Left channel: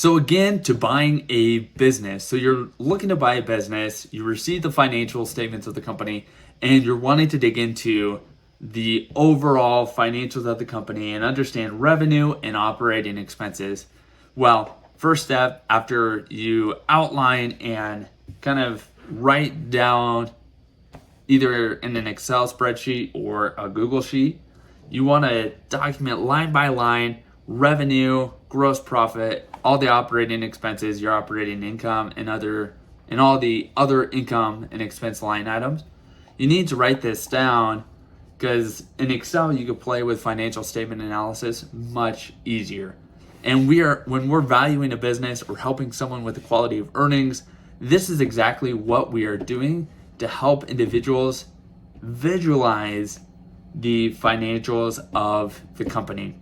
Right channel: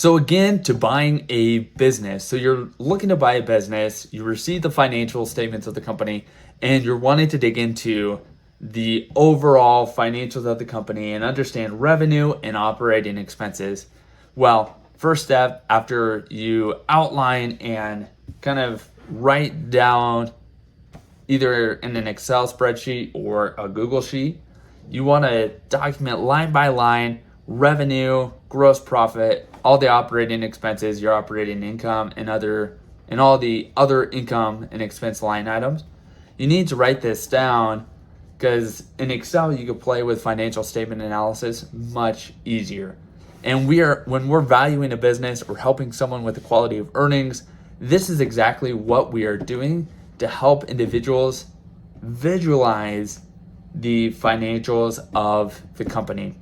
So again, to buying a business. So you're looking to buy a business, you receive the financial statements of the company, and you're wanting to dig into the overall financials of the company and understand revenue and operating expenses. Well, first step, after you outline and kind of write down either in an Excel spreadsheet or a Google sheet, you want to document line by line revenue, gross profit, all the operating expenses, your operating income, and all the other income and expense line items. You need to write this down because in Excel you could play with financial statement analysis much easier. And when we're valuing a business or helping someone with the quality of earnings, this is exactly what we are doing to help individuals visualize the financials of the company.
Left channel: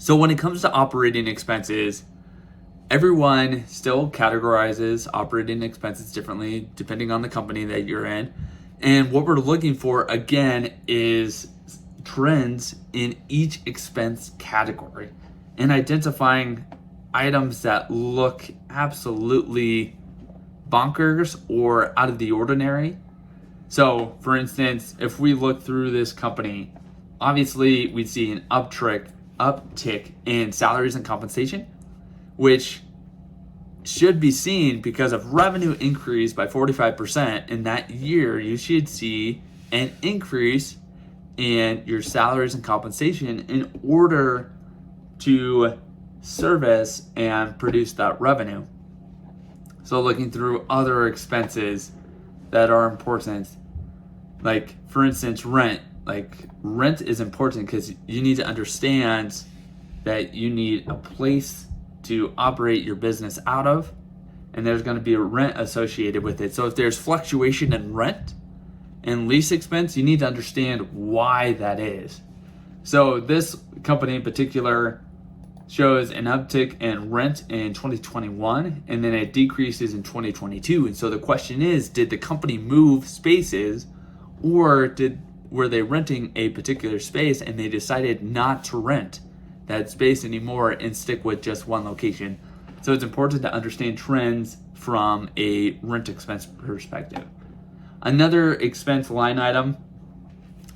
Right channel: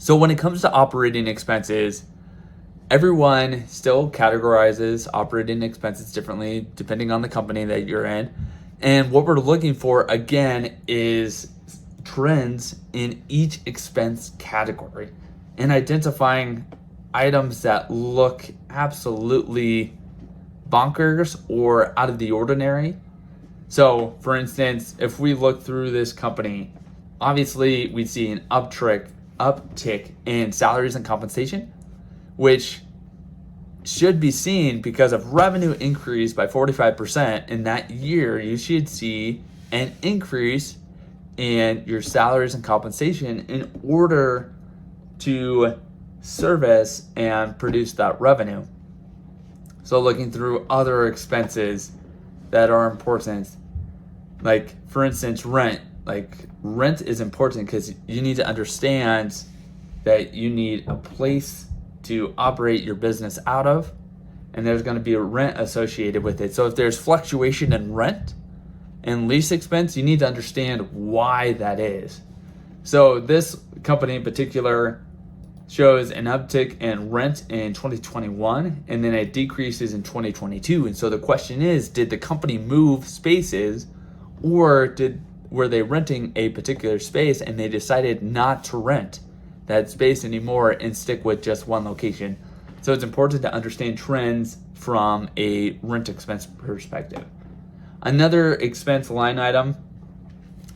So when it comes to operating expenses, everyone still categorizes operating expenses differently depending on the company that you're in. And what we're looking for, again, is trends in each expense category and identifying items that look absolutely bonkers or out of the ordinary. So, for instance, if we look through this company, obviously we see an uptick in salaries and compensation, which should be seen because of revenue increase by 45% in that year. You should see an increase in your salaries and compensation in order to service and produce that revenue. So looking through other expenses that are important, like for instance, rent. Like rent is important because you need to understand that you need a place to operate your business out of, and there's going to be a rent associated with it. So if there's fluctuation in rent and lease expense, you need to understand why that is. So this company in particular shows an uptick in rent in 2021, and then it decreases in 2022. And so the question is, did the company move spaces, or were they renting a particular space and they decided not to rent that space anymore and stick with just one location? So it's important to understand trends from a rent expense perspective. Another expense line item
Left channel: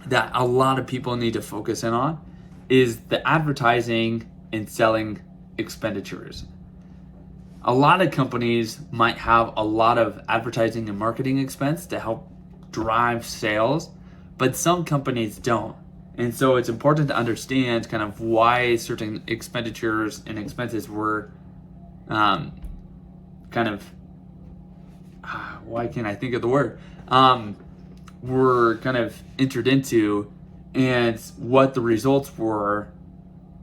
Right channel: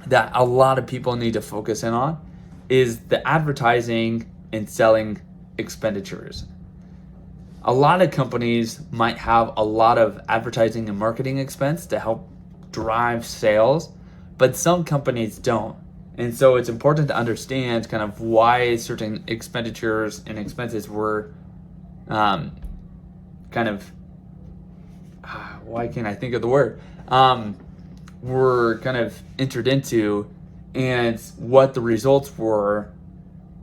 that a lot of people need to focus in on is the advertising and selling expenditures. A lot of companies might have a lot of advertising and marketing expense to help drive sales, but some companies don't. And so it's important to understand kind of why certain expenditures and expenses were why can't I think of the word? Were kind of entered into, and what the results were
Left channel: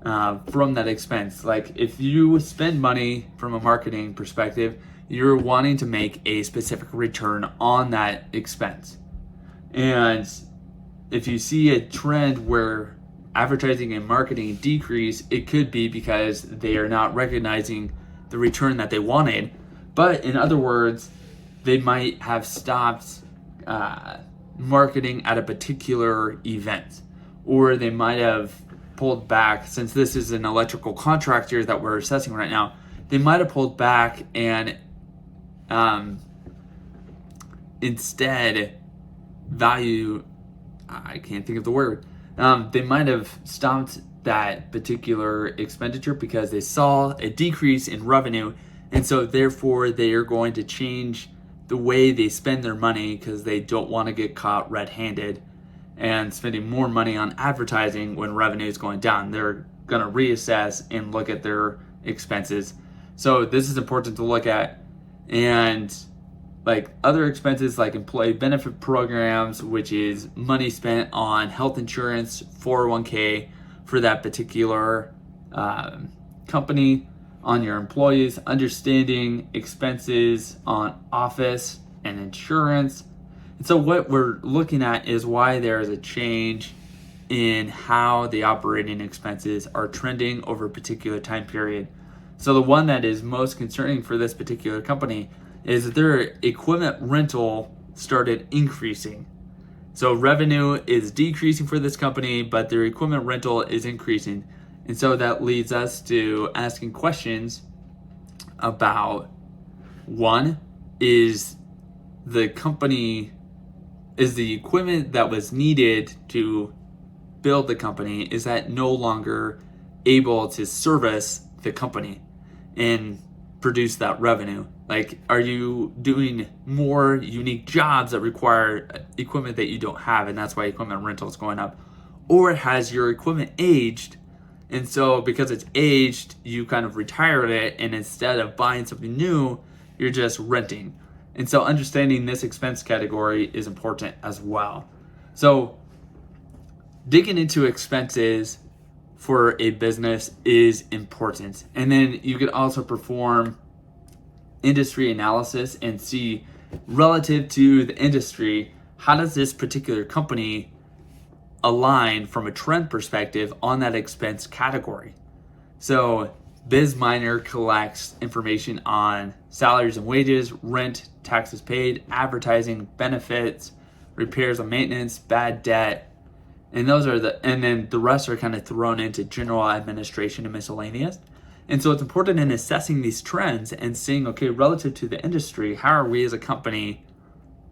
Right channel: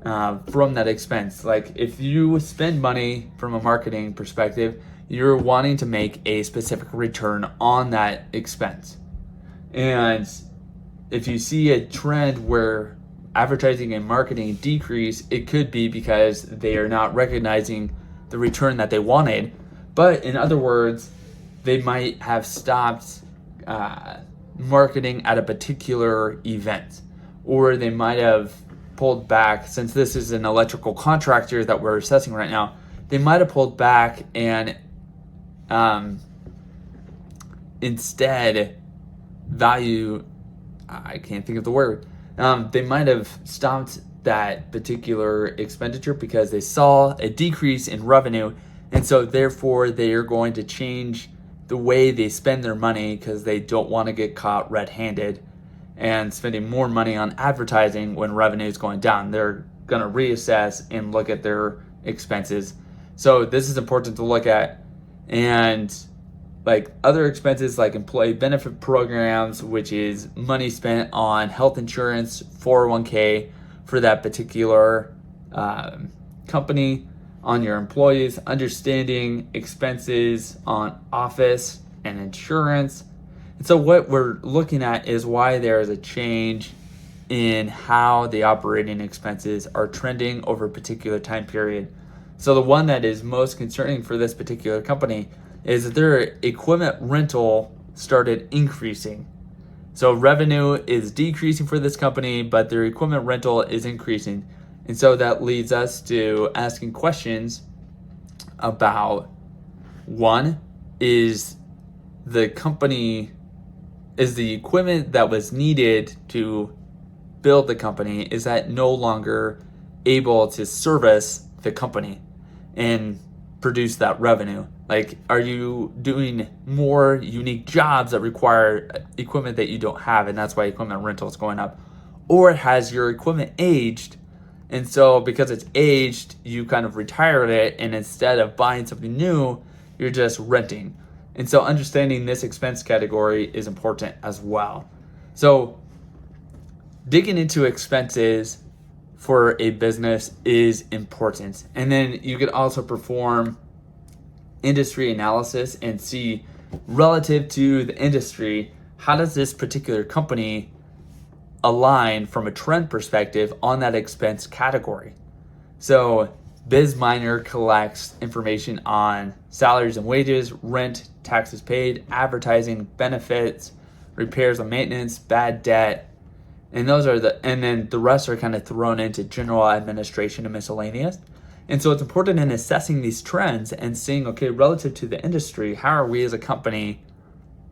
from that expense. Like if you spend money from a marketing perspective, you're wanting to make a specific return on that expense. And if you see a trend where advertising and marketing decrease, it could be because they are not recognizing the return that they wanted. But in other words, they might have stopped marketing at a particular event, or they might have pulled back. Since this is an electrical contractor that we're assessing right now, they might have pulled back and instead I can't think of the word. They might have stopped that particular expenditure because they saw a decrease in revenue, and so therefore they are going to change the way they spend their money because they don't want to get caught red-handed and spending more money on advertising when revenue is going down. They're going to reassess and look at their expenses. So this is important to look at. And like other expenses like employee benefit programs, which is money spent on health insurance, 401k for that particular company, on your employees, understanding expenses on office and insurance. And so what we're looking at is why there is a change in how the operating expenses are trending over a particular time period. So the one that is most concerning for this particular company is that their equipment rental started increasing. So revenue is decreasing for this company, but their equipment rental is increasing. And so that leads us to asking questions about one is the equipment that was needed to build the company, is that no longer able to service the company and produce that revenue? Like, are you doing more unique jobs that require equipment that you don't have, and that's why equipment rental is going up? Or has your equipment aged, and so because it's aged, you kind of retired it, and instead of buying something new, you're just renting? And so understanding this expense category is important as well. So digging into expenses for a business is important. And then you could also perform industry analysis and see, relative to the industry, how does this particular company align from a trend perspective on that expense category? So BizMiner collects information on salaries and wages, rent, taxes paid, advertising, benefits, repairs and maintenance, bad debt, and then the rest are kind of thrown into general administration and miscellaneous. And so it's important in assessing these trends and seeing, okay, relative to the industry, how are we as a company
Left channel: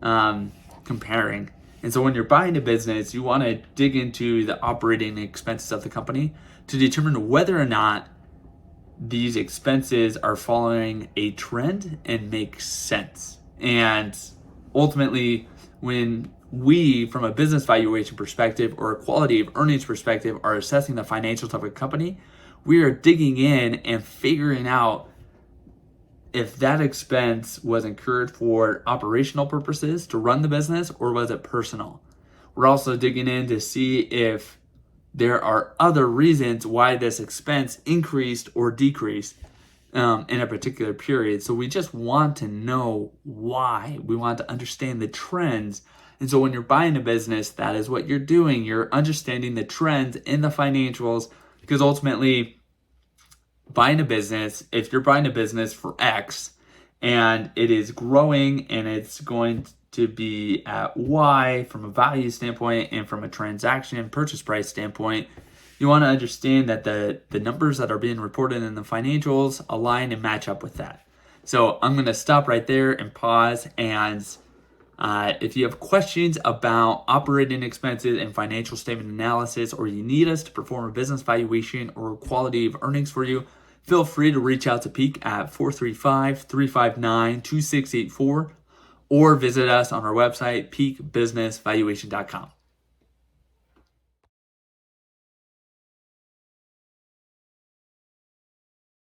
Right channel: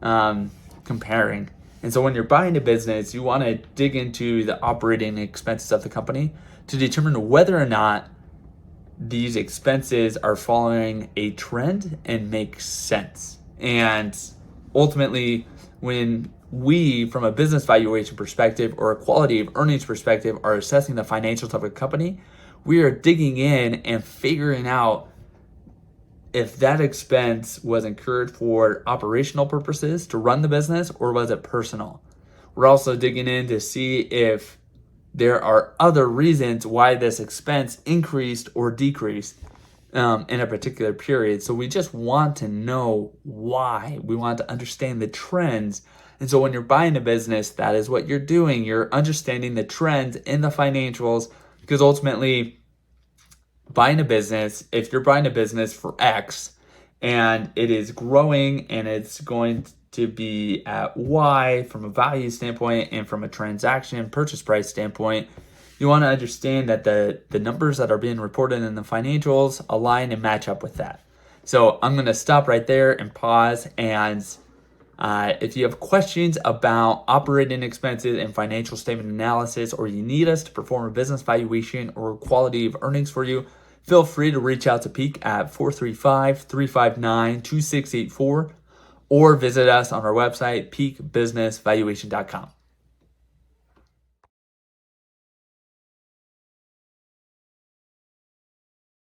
comparing? And so when you're buying a business, you want to dig into the operating expenses of the company to determine whether or not these expenses are following a trend and make sense. And ultimately, when we, from a business valuation perspective or a quality of earnings perspective, are assessing the financials of a company, we are digging in and figuring out if that expense was incurred for operational purposes to run the business, or was it personal. We're also digging in to see if there are other reasons why this expense increased or decreased in a particular period. So we just want to know why. We want to understand the trends. And so when you're buying a business, that is what you're doing. You're understanding the trends in the financials, because ultimately, buying a business, if you're buying a business for X and it is growing and it's going to be at Y from a value standpoint and from a transaction purchase price standpoint, you want to understand that the numbers that are being reported in the financials align and match up with that. So I'm going to stop right there and pause. And if you have questions about operating expenses and financial statement analysis, or you need us to perform a business valuation or quality of earnings for you, feel free to reach out to Peak at 435-359-2684, or visit us on our website, peakbusinessvaluation.com.